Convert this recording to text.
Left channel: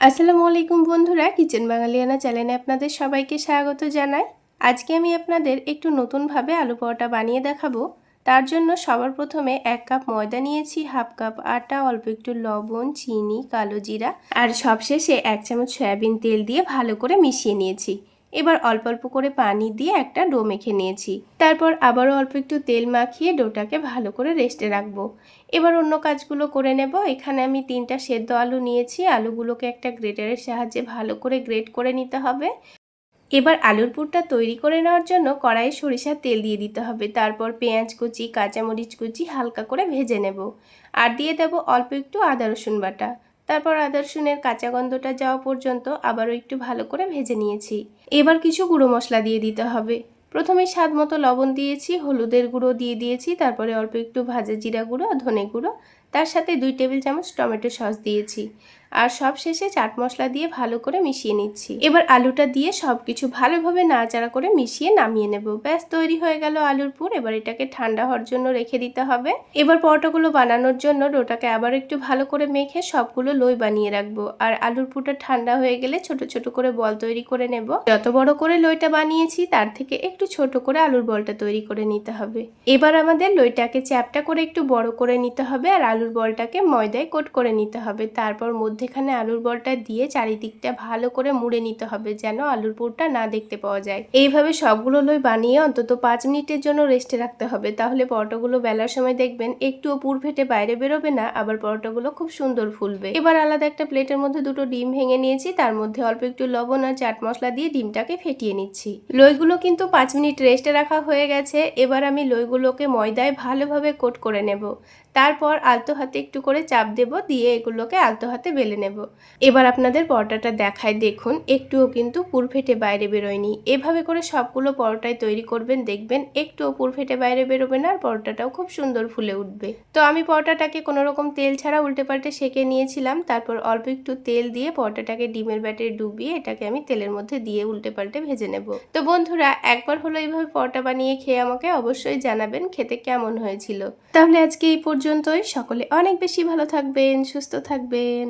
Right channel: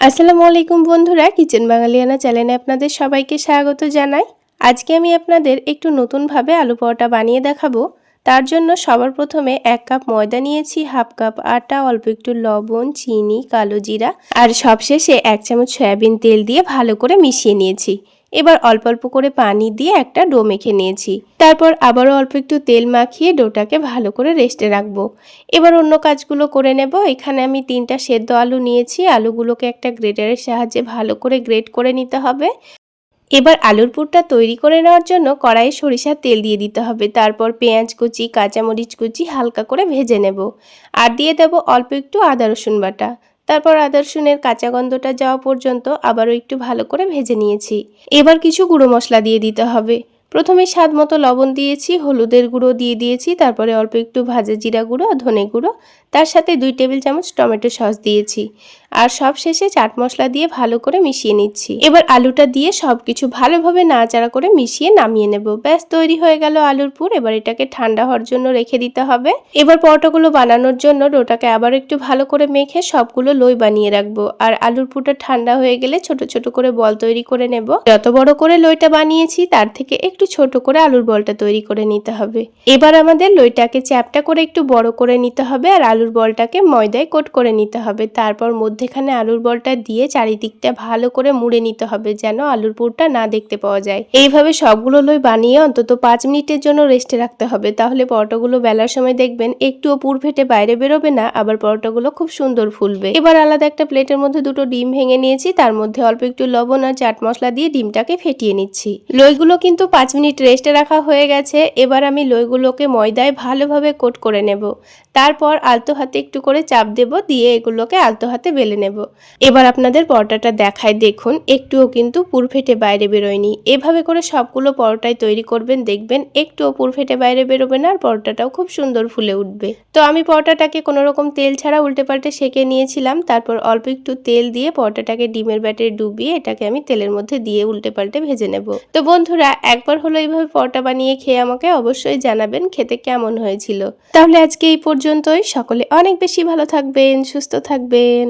আসসালামু আলাইকুম বন্ধুরা, কিচেন বাঙালিয়ানা চ্যানেলে আপনাদের সবাইকে স্বাগত জানাই। আজকে আমি আপনাদের একটু নতুনভাবে আলু পরোটা বানিয়ে দেখাবো। তার জন্য সবার প্রথমে 1 কাপ ময়দা নিয়েছি, হাফ কাপ আটা, অল্প একটু লবণ, চিনি, কালো জিরা আর সবশেষে 1 চামচ সয়াবিন তেল দিয়ে ভালো করে মিশিয়ে নিয়েছি। এবার অল্প অল্প করে পানি দিয়ে একটা ডো মেখে নিয়েছি। তারপর আবারও অল্প একটু তেল মাখিয়ে ডোটাকে ভালো করে রেস্টে রাখবো। এবার অন্য কাজগুলো করে নেব। এখানে আমি 3টা সেদ্ধ আলু নিয়েছি। আলুগুলোকে একটা গ্রেটারের সাহায্যে ভালো করে গ্রেট করে নিতে হবে। এবার আলুর পুরটা তৈরি করে নেওয়ার জন্য কড়াইয়ে সরিষার তেল দিয়ে দিতে হবে। তারপর পেঁয়াজ কুচি, কাঁচামরিচ কুচি হালকা করে ভেজে নেব। আর দিয়ে দেব অল্প একটু আদা রসুন বাটা। তারপর আদা রসুনের কাঁচা গন্ধটা যাওয়া পর্যন্ত আবারও একটু ভালো করে ভেজে নিয়েছি। এবার কিছু গুঁড়ো মশলা দিয়ে দিতে হবে। প্রথমে স্বাদ মতো লবণ দিয়েছি, হলুদের গুঁড়ো দিয়ে দিয়েছি, তারপরে অল্প একটু ভাজা জিরা গুঁড়ো, ধনে গুঁড়ো, তার সাথে 2 টেবিল চামচ টমেটো সস দিয়েছি। আর সব শেষে চাট মশলা দিয়ে ভালো করে মিশিয়ে নিচ্ছি। এবার আলুটা দিয়ে সবকিছু ভালোভাবে নাড়াচাড়া করে মিশিয়ে নামিয়ে নেব। ব্যাস তৈরি হয়ে গেল আলুর পুর। এবার এটাকে ঠান্ডা হওয়ার জন্য রেখে দিতে হবে। এবার পরোটাগুলো বানানোর জন্য ডোটাকে আবার একটু ভালো করে মেখে সবগুলো লই বানিয়ে রাখবো। আর আলুর পুরটা ঠান্ডা হয়ে গেলে ছোট ছোট করে বল তৈরি করে নেব। যত বড় করে লইটা বানিয়েছি তার থেকে একটু ছোট করে আলুর বলটা তৈরি করে নিতে হবে। এবার আমাদের লইটাকে চ্যাপটা করে একটু বড় করে নিতে হবে আর আলুর বলটাকে ময়দায় কোট করে নিতে হবে। তারপর মধ্যেখানে আলুর বলটা দিয়ে চারিদিকটা ভালো করে মুড়ে নিতে হবে যেন আলুর পুরটা না দেখতে পাওয়া যায়। এইভাবে সবগুলো লই বানিয়ে অন্তত 5 মিনিটের জন্য রেস্টে রাখতে হবে। তাহলে পরোটাগুলো বেলার সময় দেখবেন একটুও পুর ফেটে বাইরে বেরোবে না, আবার পরোটাগুলো খুব সুন্দর ফুলবে। এবার আলাদা একটা প্লেটের মধ্যে 2টো ডিম ভেঙে নিয়েছি, তার মধ্যে অল্প একটু লবণ আর চাট মশলা দিয়ে ডিমটাকে ফেটিয়ে নিচ্ছি। লইগুলো কিন্তু 5 মিনিট রেস্টে রাখা হয়ে গেছে। এবার আমি লইগুলোকে ময়দায় ভালোভাবে কোট করে নেব। তারপর আলতো হাতে একটু করে চাপ দেব, দিয়ে এগুলোকে আলতো হাতে বেলে নেব। এবার আপনাদের পরোটাটা দেখায় দেখুন, একটুও কিন্তু পুর ফেটে বাইরে বেরোয়নি। এভাবে করে সবগুলো পরোটাই তৈরি করবেন, দেখবেন একটুও পুর ফেটে বাইরে বেরোবে না আর পরোটাটাও খুব সুন্দর ফুলে উঠবে। তো আমি পরোটাটাকে কোনো রকম তেল ছাড়া উল্টে পাল্টে সেঁকে নিয়েছিলাম। তারপর অল্প একটু তেল দিয়ে পরোটাটাকে ডিমের ব্যাটারে ডুবিয়ে এটাকে আমি তেলের মধ্যে দিয়ে উল্টে পাল্টে ভেজে নেব। তো বন্ধুরা, একবার হলো এইভাবে পরোটা বানিয়ে খেয়ে আমাকে অবশ্যই জানাবেন খেতে কেমন হয়েছিল। তাহলে আজকে এই পর্যন্তই। সকলে অনেক বেশি ভালো থাকবেন, সুস্থ থাকবেন।